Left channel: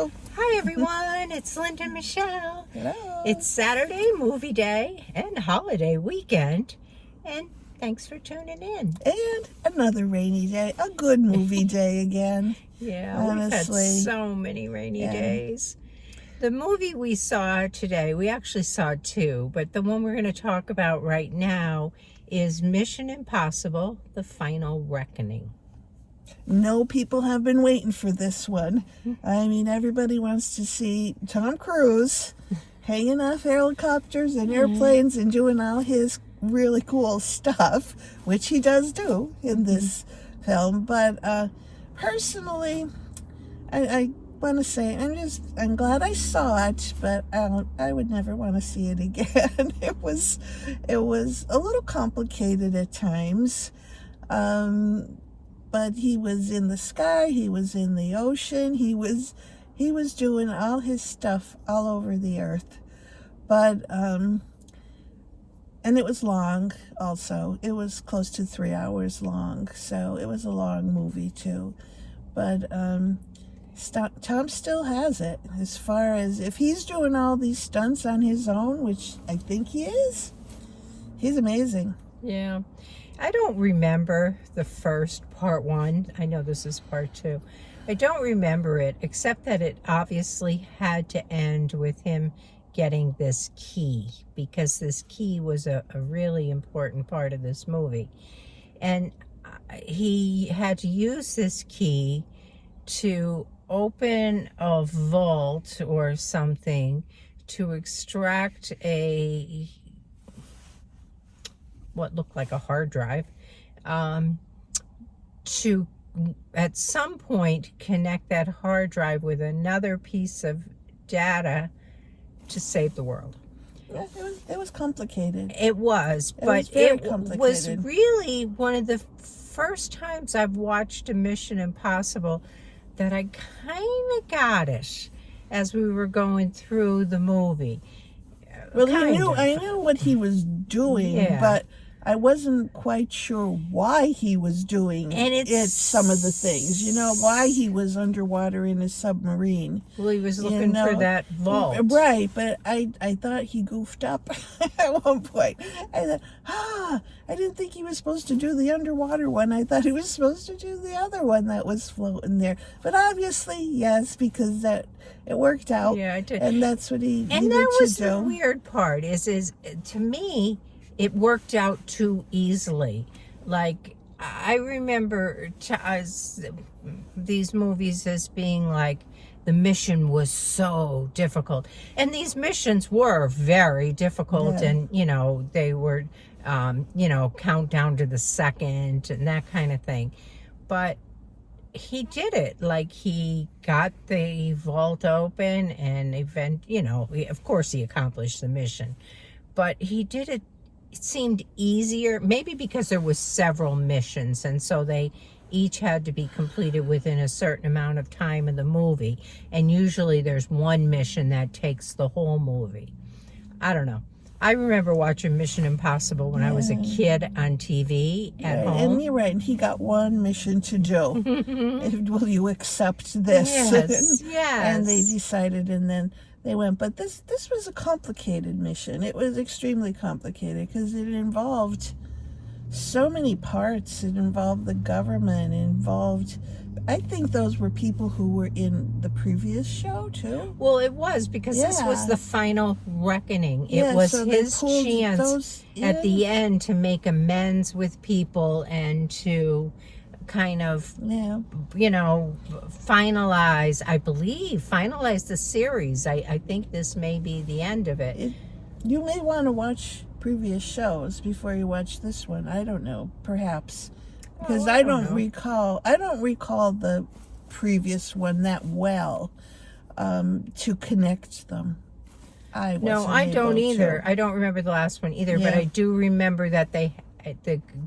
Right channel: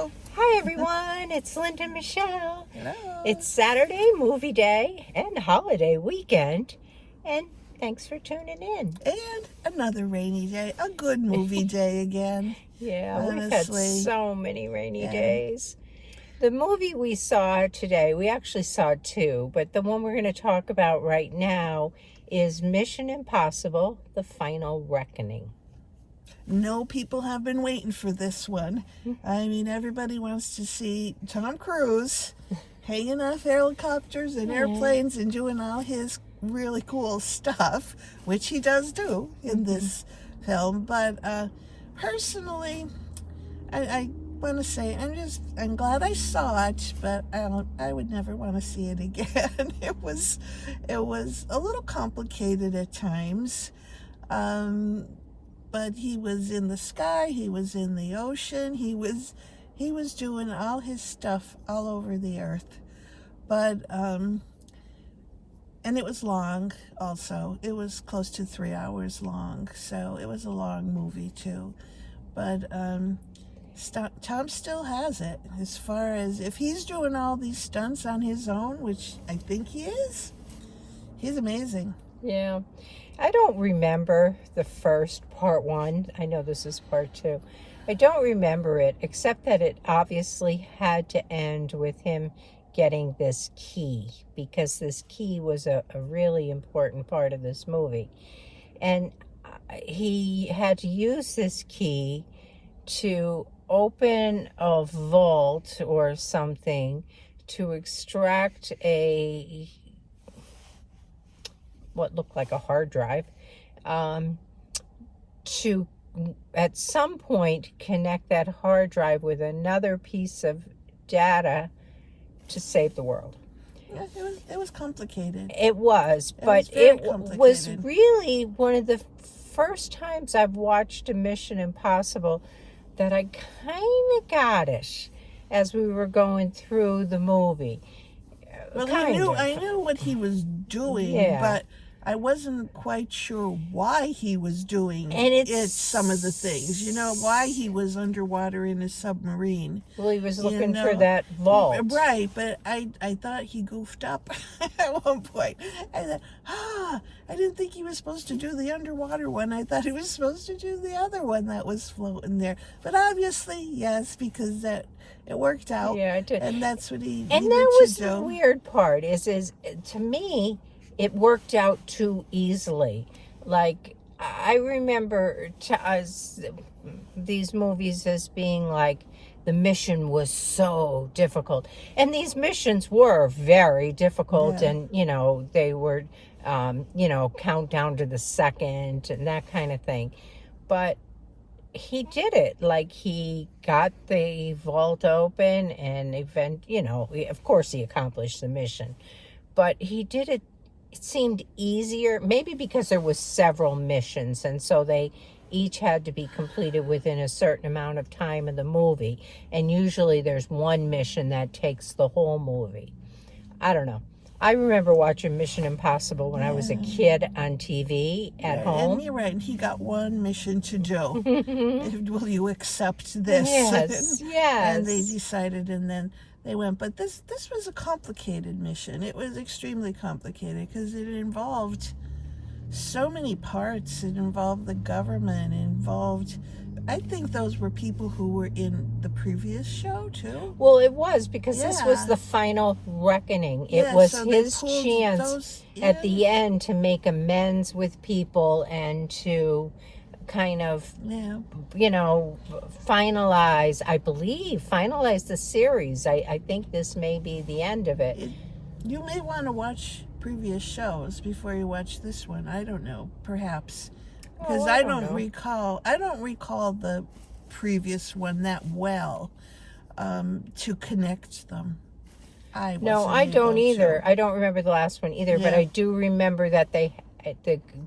Hello. Hi everyone, it's Linda and Michelle. Hello. It's Saturday, movie day, and holiday weekend. And thanks for tuning in. And another rainy day. A good movie day again. Yeah, honestly. We've had so many rainy days. The movie we saw today, we actually saw two, but the one we're going to talk about right now is Mission Impossible: The Final Reckoning. No, people have been waiting for this one. I mean, everybody wants to see Tom Cruise hanging off helicopters and airplanes and doing all his really cool stuff, which he does do in this film. But personally, I want to say I'm glad I saw it, but I would never want to see it again. It was a little complicated at times. But he was in the sky, he was in the ocean, he was doing all his stuff all over the earth. But and it was long also. It was close to 3 hours long, so it was a long movie too. But Tom still has it, as far as if he's doing all these stunts on his own, which I think he is. He's amazing. Yeah. I don't remember the first part one. I know this is part two. I don't remember it, except that it obviously had to end with him getting this key, because this key was a really important part of this movie. And he had to use this key to open a vault or something to extract what looked like a hard drive, to at some point connect that hard drive with another piece of data to save the world. Yeah, it was complicated. It was, but it was really one of the first times I've watched a Mission Impossible that I kind of got it as we were going through the movie. Well, I knew what he was doing, but I wasn't quite sure why he was doing some of the things. You know, why he was underwater in a submarine. Well, he was looking for that vault. Right, but I thought he goofed up at one point. I thought, I didn't think he was supposed to do the underwater one. I thought he was supposed to do the other one that was floating there. But obviously, yes, because it worked out. Yeah, it did. And that's what he And needed that was to do. the weird part, is to me, it worked out too easily. Like, I remember these movies as being like, the mission was so difficult. And these missions were very difficult, and, you know, they were, count down to the second and that kind of thing. But he did it. Like, he got the vault open and of course he accomplished the mission. But he did it. It seemed easier, maybe because there was several missions, and so they each had to be completed within a certain amount of time in the movie. And usually there's one mission that takes the whole movie. I don't know. I remember watching Mission Impossible when I was a kid on TV at home. And you're right, and he got one mission to do. Will you accept this? Yes, yes. And they decided, and then they went. But this was a complicated mission. It was extremely complicated because it involved so many parts. It involved the government. It involved, I think those were people who were in the previous show too. Well, it was, because this was the final reckoning. It was his chance at the end to make amends with people and to kind of, finalize the series. I think this may be the end of it. You may want to watch previous shows before you watch this one. I don't know, perhaps. Because I don't recall the previous one that well to connect them. I don't either. I don't remember the last one either, but I do remember that the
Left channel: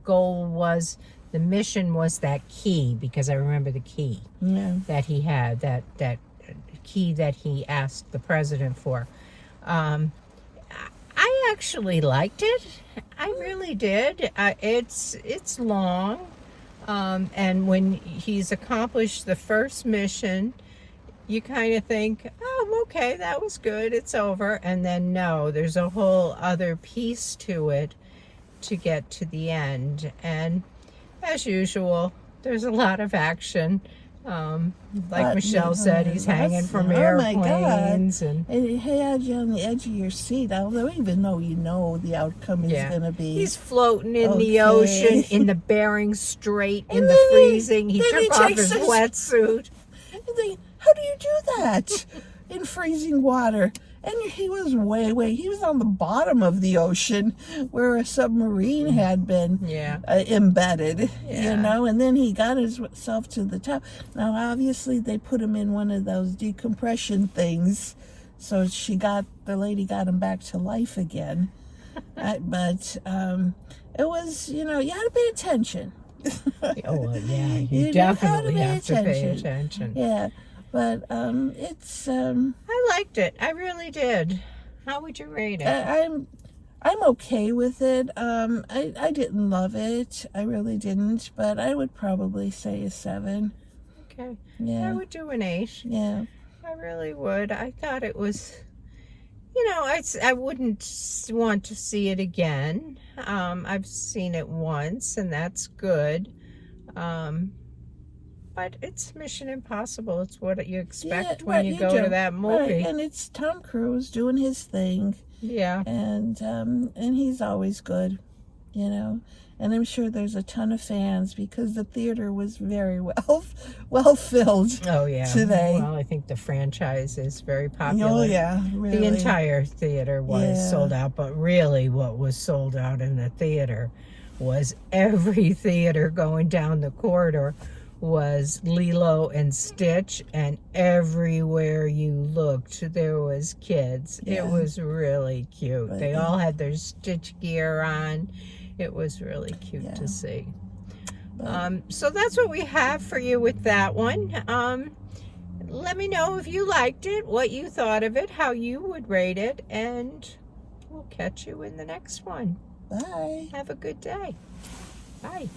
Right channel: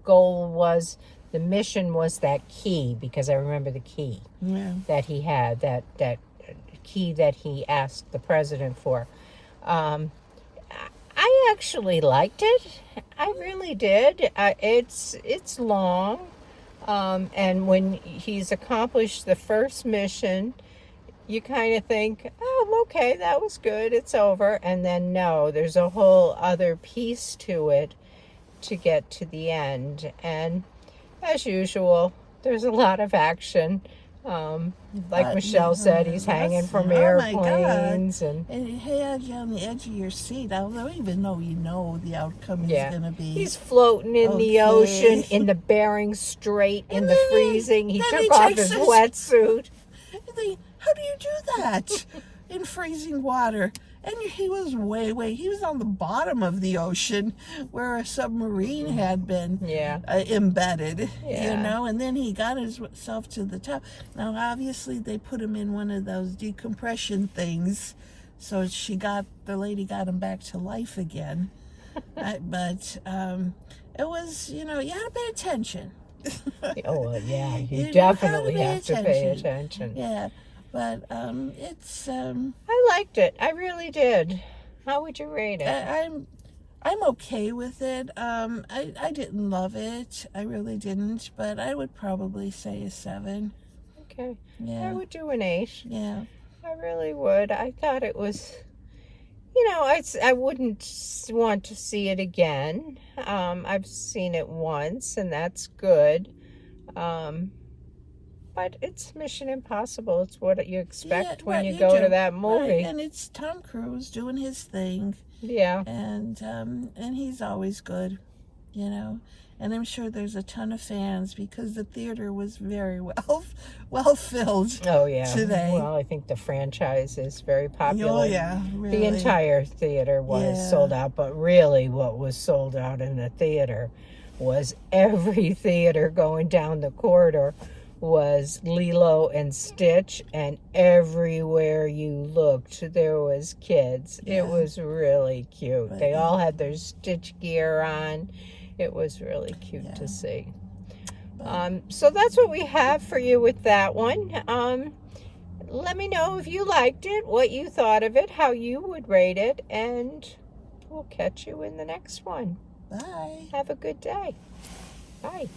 goal was, the mission was that key, because I remember the key that he had, that key that he asked the president for. I actually liked it. I really did. It's long. And when he's accomplished the first mission, you kind of think, oh, okay, that was good, it's over. And then no, there's a whole other piece to it to get to the end. And as usual, there's a lot of action. Like Michelle said, he's hanging from airplanes. And he had you on the edge of your seat. I don't even know you know the outcome is going to be. He's floating in the ocean, in the Bering Strait, in the freezing. He took off his wetsuit. How do you do that in freezing water? And he was he was on the bottom of the ocean where a submarine had been embedded, you know, and then he got himself to the top. Now, obviously, they put him in one of those decompression things, so the lady got him back to life again. But it was, you know, you had to pay attention. Oh, well, yeah, you definitely have to pay attention. Yeah. But it's I liked it. I really did. How would you rate it? I'm okay with it. I didn't love it. I really didn't. But I would probably say a 7. Okay. Yeah. I would do an 8. Yeah. I really would. I thought it was, you know, I wouldn't want to see it again. I've seen it once, and that's good. But it's Mission Impossible. It's what you expect when you go to that movie. Right. And it's Tom Cruise doing his thing. Yeah. And he's always good, you know. And I'm sure there's a ton of fans because the theater was very well filled. Oh yeah. Today. Well, I think the franchise is very popular. Oh yeah. Really. The entire theater was sold out, but really what was sold out in the theater was every theater going down the corridor was Lilo and Stitch, and everywhere you looked there was kids. It was really cute. But they all had their Stitch gear on. It was really cute to see. So that's what we have for you with that one. Let me know if you liked it, what you thought of it, how you would rate it, and we'll catch you in the next one. Bye. Have a good day. Bye.